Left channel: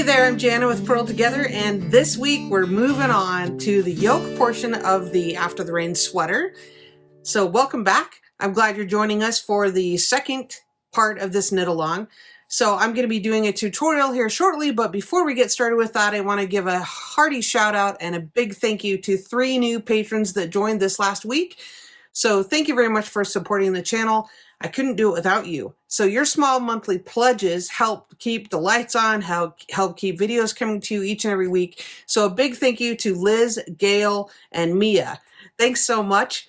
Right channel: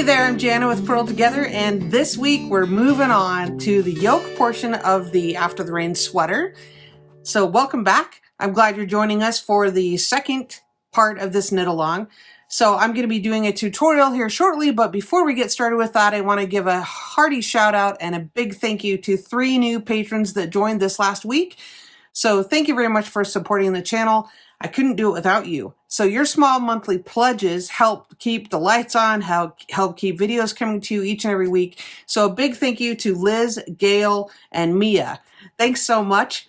Hey there, I'm Jana with Purl Together, and this week we're moving on to the yoke portion of the After the Rain sweater. So welcome back. I'm glad you're joining us for the second part of this knit along. So I'm going to be doing a tutorial here shortly, but before we get started with that, I want to give a hearty shout out and a big thank you to 3 new patrons that joined this last week. So thank you very much for supporting the channel. I couldn't do it without you. So your small monthly pledges help keep the lights on, help keep videos coming to you each and every week. So a big thank you to Liz, Gail, and Mia. Thanks so much.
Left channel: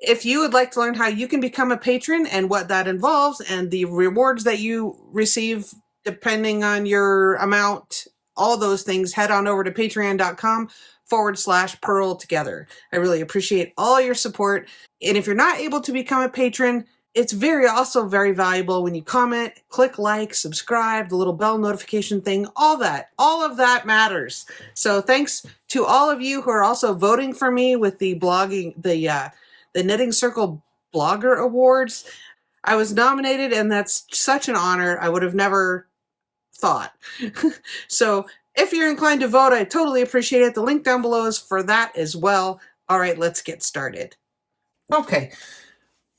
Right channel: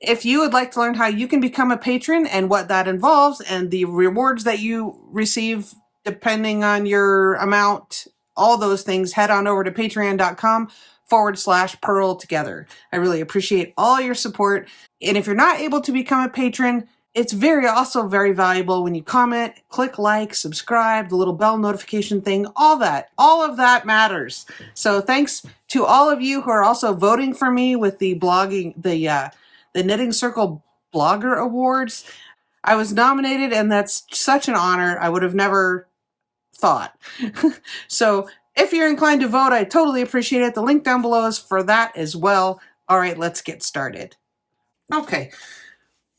If you would like to learn how you can become a patron and what that involves and the rewards that you receive depending on your amount, all those things, head on over to patreon.com/Purl Together. I really appreciate all your support. And if you're not able to become a patron, it's also very valuable when you comment, click like, subscribe, the little bell notification thing, all of that matters. So thanks to all of you who are also voting for me with the Knitting Circle Blogger Awards. I was nominated, and that's such an honor. I would have never thought. So if you're inclined to vote, I totally appreciate it. The link down below is for that as well. All right, let's get started. Okay.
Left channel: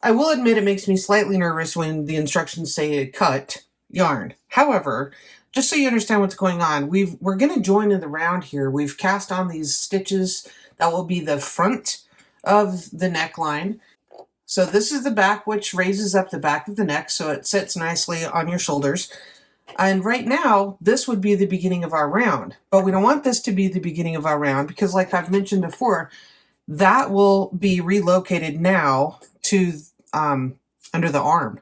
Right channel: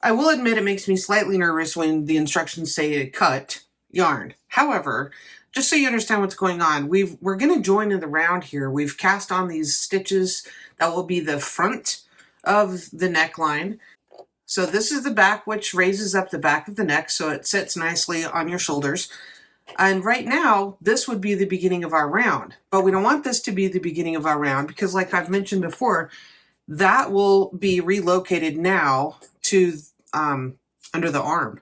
I will admit it makes me slightly nervous when the instructions say cut yarn. However, just so you understand what's going on, we're going to join in the round here. We've cast on these stitches that will be the front of the neckline. So this is the back, which raises up the back of the neck so it sits nicely on your shoulders. And right now, this would be the beginning of our round. But we don't want this to be the beginning of our round because, like I've mentioned before, that will be relocated now to under the arm.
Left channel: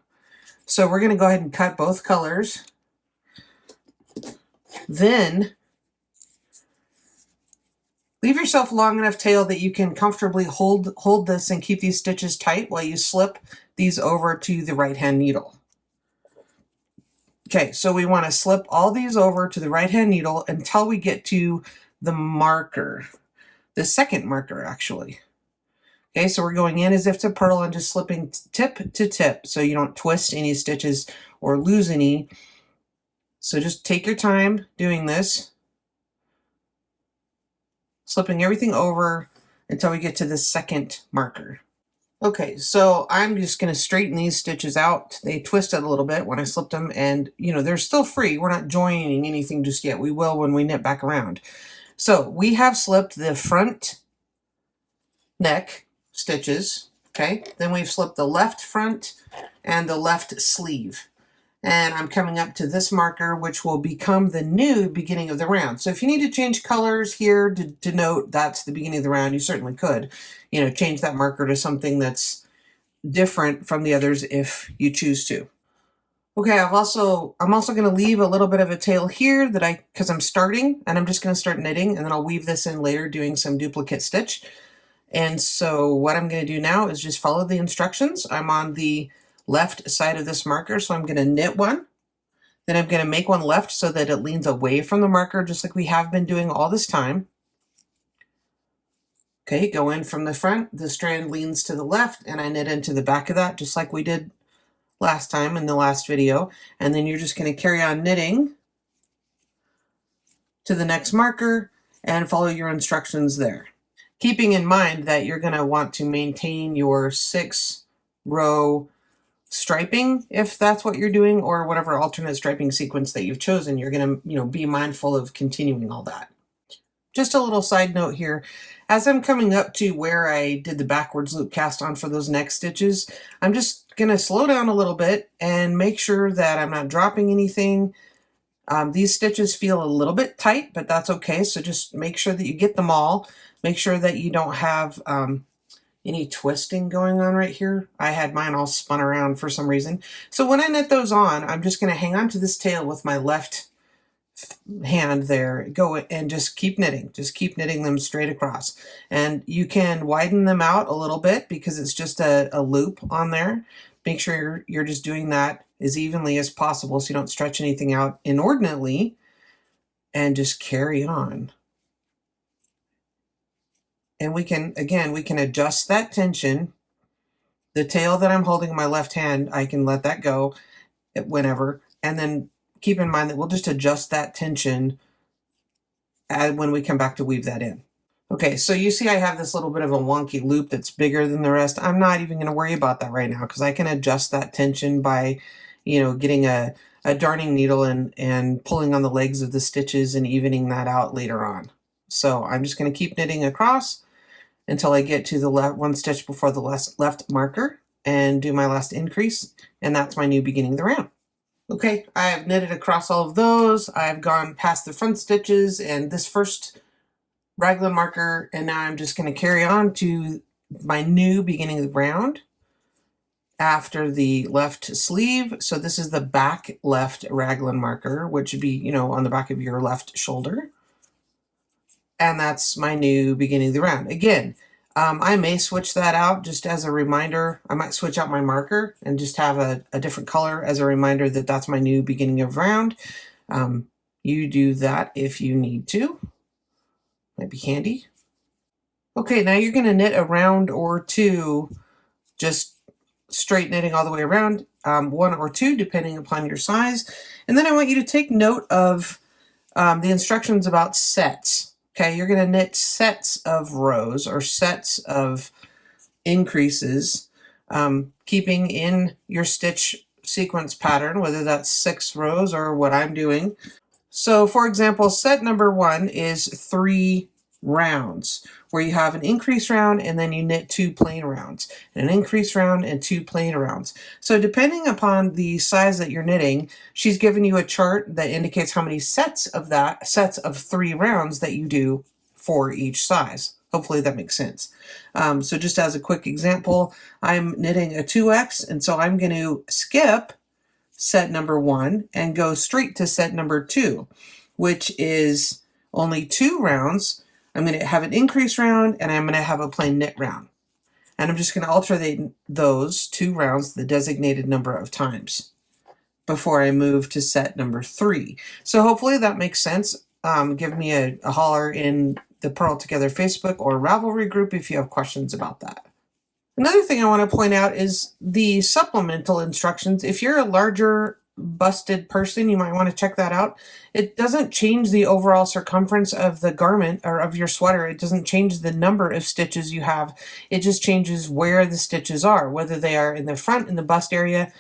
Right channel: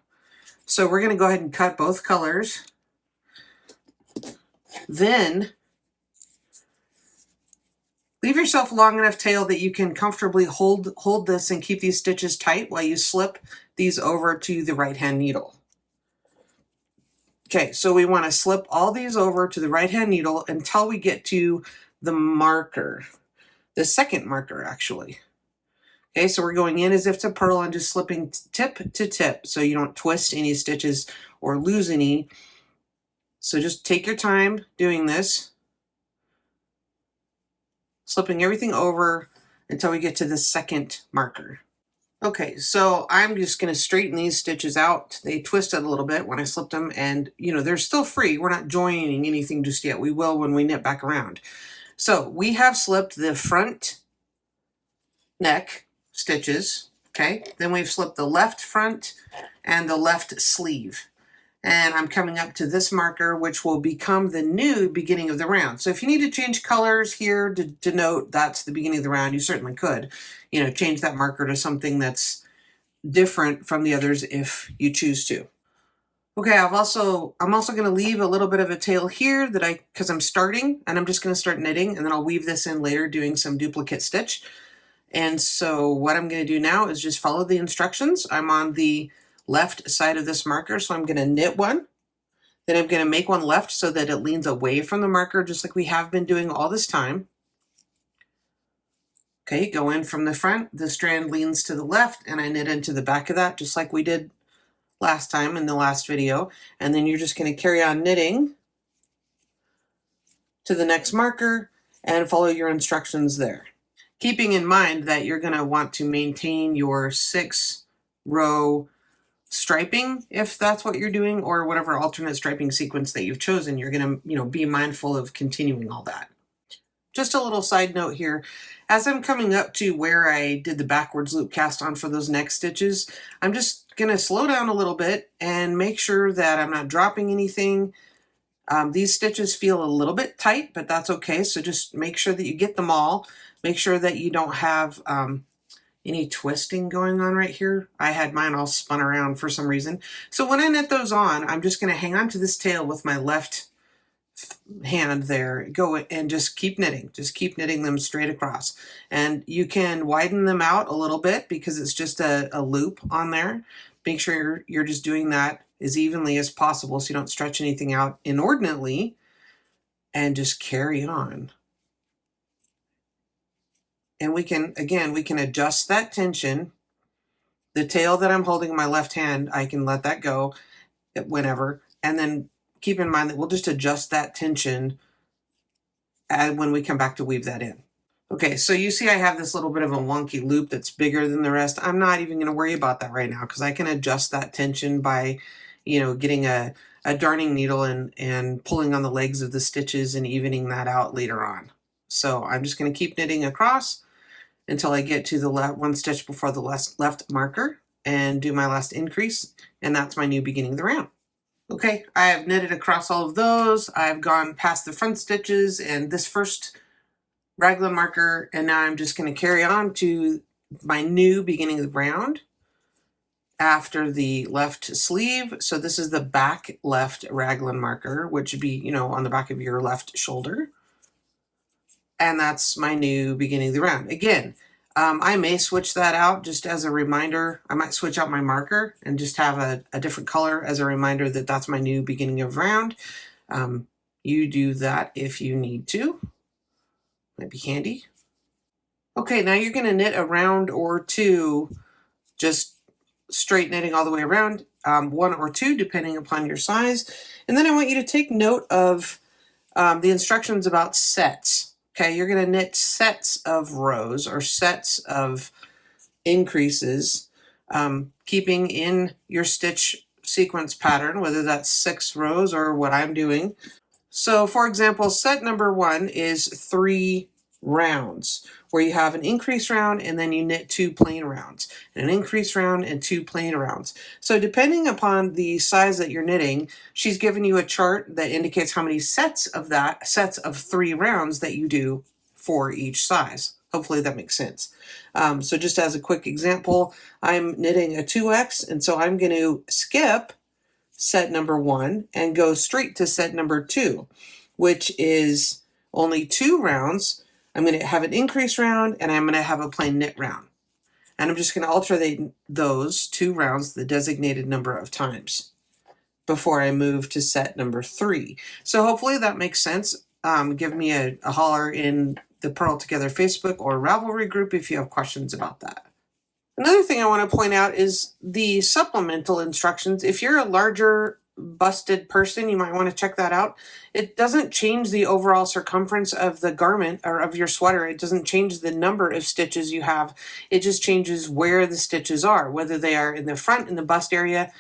So we're going to go ahead and cut both colors. Then leave yourself a long enough tail that you can comfortably hold this and keep these stitches tight while you slip these over to the right hand needle. Okay, so we want to slip all these over to the right hand needle until we get to the marker, the second marker actually. Okay, so we're going in as if to purl and just slipping tip to tip so you don't twist any stitches or lose any. So just take your time doing this, slipping everything over until we get to the second marker. Okay, so I'm just going to straighten these stitches out. They twisted a little bit when I slipped them, and they're still free. We're not joining anything just yet. We will when we knit back around. So we have slipped the front neck stitches, okay? Then we've slipped the left front and the left sleeve. And I'm coming up to this marker, which will become the new beginning of the round. So if you need to change colors here to denote that's the beginning of the round, you certainly could. Change that marker to something that's different from the others if you choose to. Okay, I'm also going to leave a little bit of a tail here because I'm starting, and I'm just going to start knitting, and then I'll weave this in later doing some duplicate stitch. And so what I'm going to do now is just follow the instructions. I'm on the left side of this marker, so I'm going to knit one. Then I'm going to make one left so that it leans away from the marker, just like we have been doing all this time. Okay, go in from the front. The strand leans to the left, and I knit into the back of that, just like we did last time in the last video. And then you're just going to carry on knitting to the next marker and follow your instructions there. Keeping in mind that you're going to want to maintain your 6-row striping if that's what you're doing, or whatever alternate striping sequence that you've chosen. You're going to be mindful of continuing all that. Just a little side note here, as I'm coming up to where I did the backwards loop cast on for those neck stitches, I'm just going to slow down a little bit and make sure that I'm not dropping anything. These stitches feel a little bit tight, but that's okay. So just make sure that you get them all. Make sure that you don't have any twisting going on right here. I had mine all spun around for some reason. So when I knit those on, I'm just going to hang on to this tail with my left hand there. Go and just keep knitting. Just keep knitting them straight across. And you can widen them out a little bit because it's just a loop on there. Make sure you're just doing that as evenly as possible so you don't stretch anything out inordinately, and just carry on. And we can adjust that tension. The tail that I'm holding in my left hand, I can let that go whenever, and then keep in mind that we'll just adjust that tension when we come back to weave that in. Okay, so you see I have this little bit of a wonky loop that's bigger than the rest. I'm not even going to worry about that right now because I can adjust that tension by, getting a darning needle and pulling on the legs of the stitches and evening that out later on. So I'm just going to keep knitting across until I get to the one stitch before the left marker and do my last increase, and that's my new beginning of the round. Okay, I have knitted across all of those. I've gone past the front stitches and this first raglan marker, and now I'm just going to carry on to my new beginning of the round after the left sleeve. So this is the back left raglan marker, which would be, on the back of your left shoulder. And that's my new beginning of the round. Again, I may switch that out just as a reminder. I might switch out my marker and just have a different color as a reminder that that's my new beginning of round. You do that if you need to. Might be handy. Okay, now you're going to knit a round or two, just straight knitting all the way around, one or two depending upon your size. And then I want you to take note of the instructions about sets. Okay, you're going to knit sets of rows or sets of increases, keeping in your stitch sequence pattern, whether that's 6 rows or what I'm doing. So for example, set number 1 is 3 rounds, where you have an increase round and then you knit 2 plain rounds, an increase round and 2 plain rounds. So depending upon the size that you're knitting, she's given you a chart that indicates how many sets of 3 rounds that you do for each size. Hopefully that makes sense. So just as a quick example, I'm knitting a 2X, and so I'm going to skip set number 1 and go straight to set number 2, which is only 2 rounds. I'm going to have an increase round and I'm going to have a plain knit round. And I'm just going to alternate those 2 rounds the designated number of times before I move to set number 3. So hopefully that makes sense. Give me a holler in the Purl Together Facebook or Ravelry group if you have questions about that. Another thing I want to point out is the supplemental instructions. If you're a larger busted person, you might want to check that out. It doesn't change the overall circumference of the garment or of your sweater. It doesn't change the number of stitches you have. It just changes where the stitches are, whether they are in the front in the bust area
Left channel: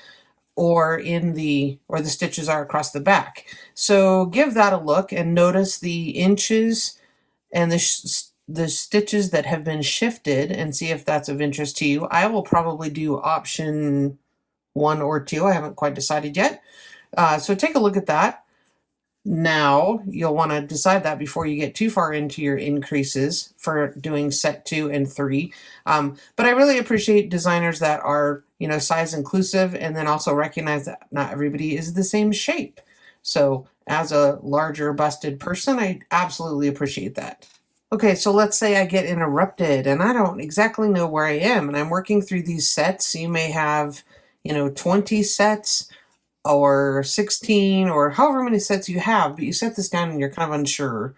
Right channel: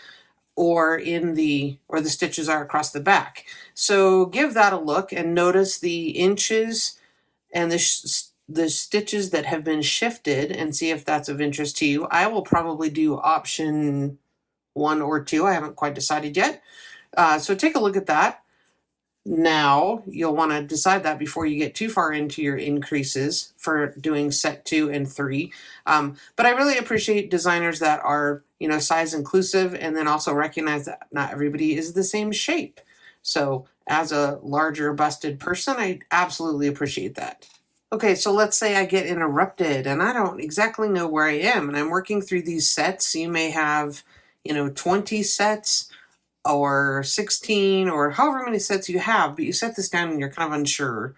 or the stitches are across the back. So give that a look and notice the inches and the stitches that have been shifted and see if that's of interest to you. I will probably do option 1 or 2. I haven't quite decided yet. So take a look at that. Now you'll want to decide that before you get too far into your increases for doing set 2 and 3. But I really appreciate designers that are, size inclusive and then also recognize that not everybody is the same shape. So as a larger busted person, I absolutely appreciate that. Okay, so let's say I get interrupted and I don't exactly know where I am and I'm working through these sets. You may have, 20 sets or 16 or however many sets you have, but you set this down and you're kind of unsure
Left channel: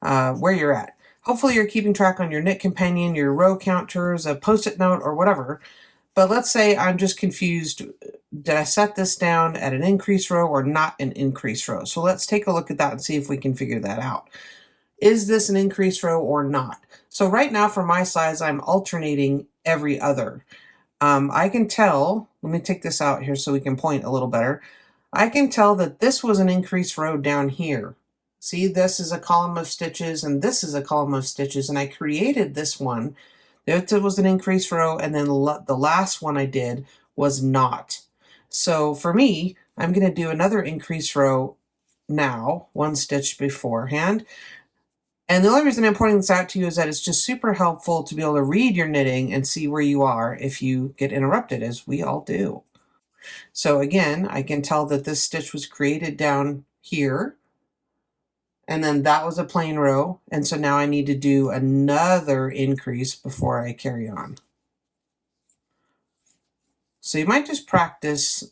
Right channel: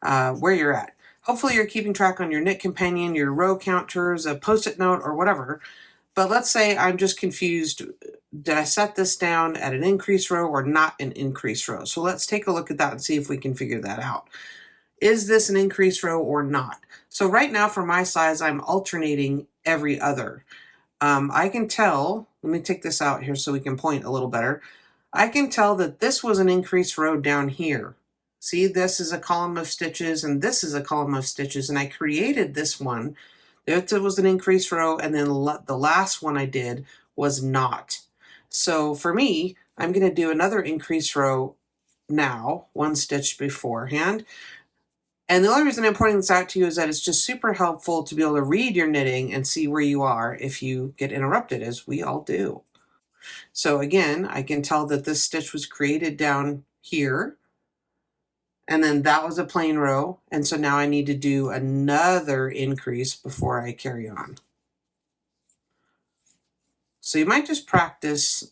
where you're at. Hopefully you're keeping track on your knit companion, your row counters, a post-it note or whatever. But let's say I'm just confused. Did I set this down at an increase row or not an increase row? So let's take a look at that and see if we can figure that out. Is this an increase row or not? So right now for my size, I'm alternating every other. I can tell, let me take this out here so we can point a little better. I can tell that this was an increase row down here. See, this is a column of stitches and this is a column of stitches, and I created this one. It was an increase row, and then the last one I did was not. So for me, I'm going to do another increase row now, 1 stitch beforehand. And the only reason I'm pointing this out to you is that it's just super helpful to be able to read your knitting and see where you are if you get interrupted, as we all do. So again, I can tell that this stitch was created down here, and then that was a plain row, and so now I need to do another increase before I carry on. So you might just practice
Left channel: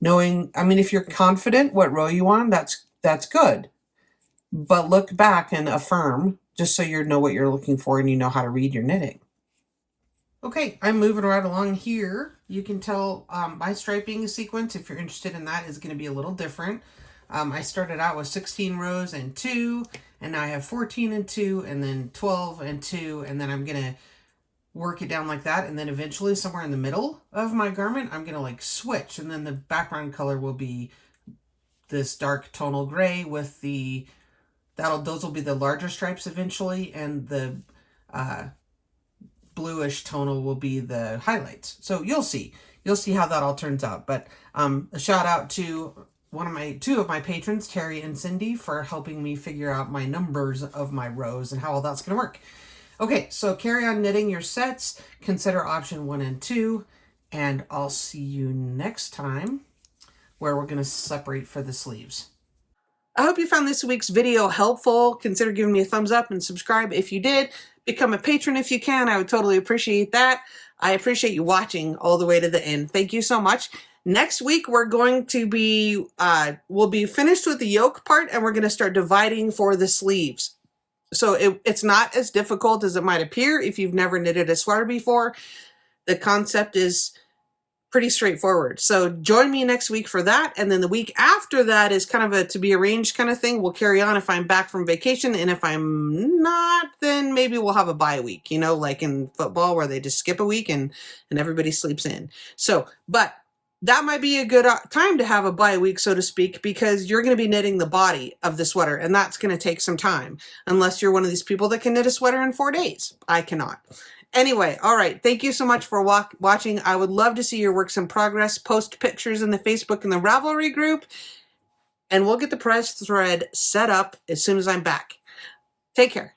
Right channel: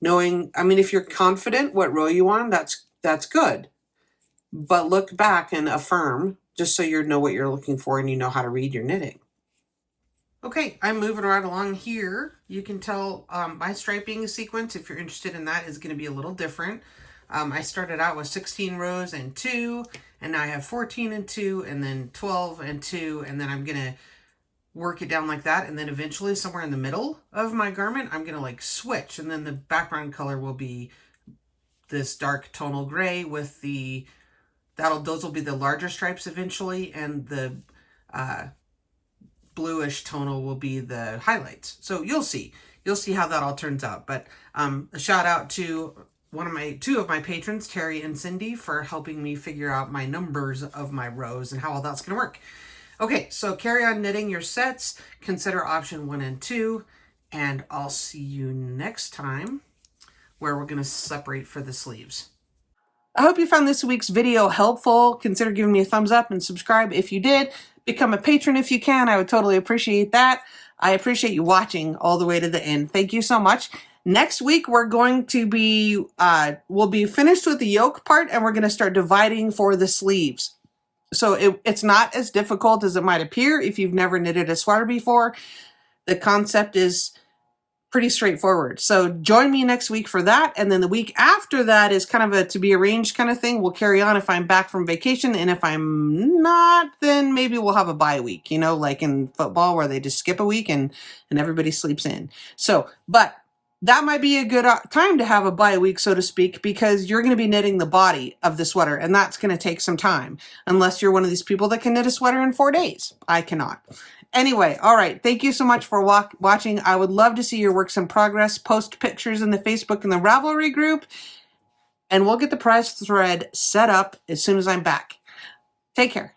knowing, if you're confident what row you on, that's good. But look back and affirm just so you know what you're looking for and you know how to read your knitting. Okay, I'm moving right along here. You can tell my striping sequence, if you're interested in that, is going to be a little different. I started out with 16 rows and 2, and now I have 14 and 2, and then 12 and 2, and then I'm going to work it down like that, and then eventually somewhere in the middle of my garment, I'm going to like switch, and then the background color will be this dark tonal gray with the, those will be the larger stripes eventually, and the bluish tonal will be the highlights. So you'll see how that all turns out. But a shout out to two of my patrons, Terry and Cindy, for helping me figure out my numbers of my rows and how all that's going to work. Okay, so carry on knitting your sets. Consider option 1 and 2, and I'll see you next time where we're going to separate for the sleeves. I hope you found this week's video helpful. Consider giving me a thumbs up and subscribe if you did. Become a patron if you can. I would totally appreciate that. I appreciate you watching all the way to the end. Thank you so much. Next week, we're going to be, we'll be finished with the yoke part, and we're going to start dividing for the sleeves. So it's not as difficult as it might appear if you've never knitted a sweater before. The concept is pretty straightforward. So join me next week for that. And then the week after that is kind of a to be arranged kind of thing. We'll carry on if I'm back from vacation. And if I'm not, then maybe we'll have a bye week, you know, like in football where they just skip a week and everybody sleeps in. So, but that might be a good time to have a bye week, so to speak, because you're going to be knitting the body of the sweater, and that's going to take some time, unless you're one of these people that can knit a sweater in 4 days. I cannot. Anyway, all right. Thank you so much for watching. I would love to see your works in progress. Post pictures in the Facebook and the Ravelry group, and we'll get the prize thread set up as soon as I'm back. Take care.